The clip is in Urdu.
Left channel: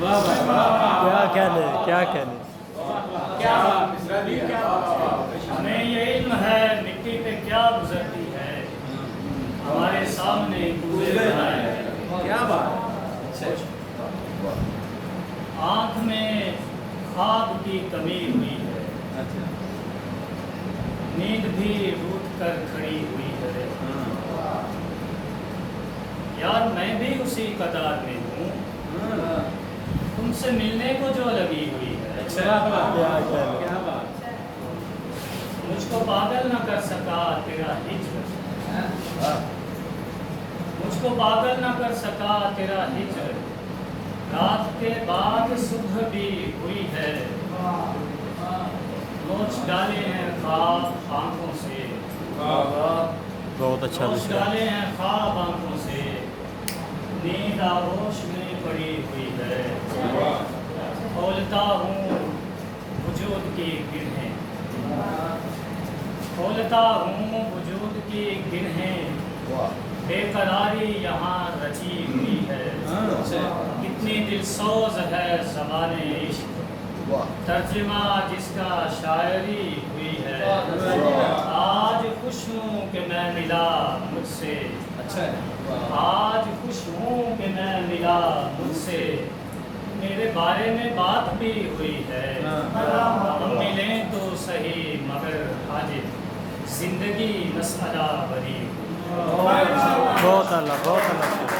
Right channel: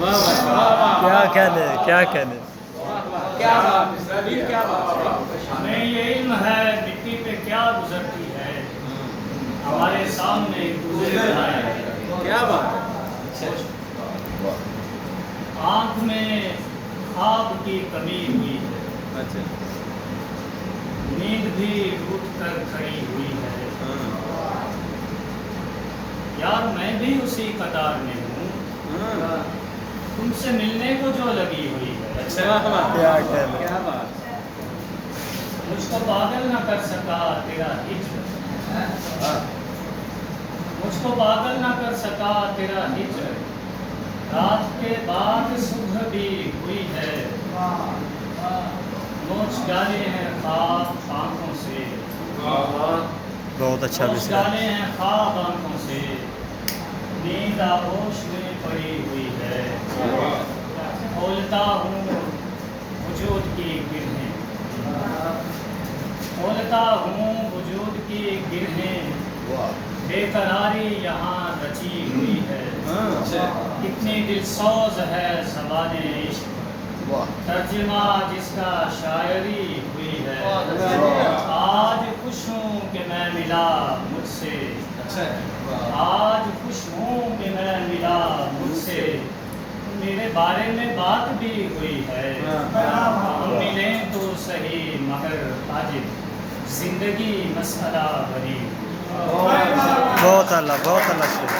کیا کہنے کیا کہنے. ہمیں یہ علم ہے مٹی پہ کیا گزرتی ہے، ہمارے سامنے گزر رہا ہے. کیا بات. آنکھ میں خواب کی کمی ہوئی ہے، اچھا. نیند بھی ٹوٹ کر کھڑی ہوئی ہے. یار میں بھی اسی قطار میں ہوں، تم سے ملنے کو جو لگی ہوئی ہے. کیا کہنے. کیا بات. مجھ کو پاگل نہ کر سکا تیرا ہجر، مجھ کو پاگل نہ کر سکا تیرا ہجر، رات کے بعد صبح بھی ہوئی ہے. نوچ ڈالے ہیں خواب آنکھوں سے، بہت اچھا نوچ مصرع. ڈالے ہیں خواب آنکھوں سے، نیند آغوش میں پڑی ہوئی ہے. کھولتا ہوں وجود کی گرہیں، کھولتا ہوں وجود کی گرہیں، بے قراری یہاں رچی ہوئی ہے. کتنی دلسوز ہے زبان عشق، ترجمہ جس کا شاعری ہوئی ہے. آج خوش ہوں کہ میں ملا مجھ سے، آج خوش ہوں کہ میں ملا مجھ سے، میرے بارے میں بات بھی ہوئی ہے. ہم ملیں تو صحیح مگر آج زندگی مسئلہ بنی. بہت اللہ شکر.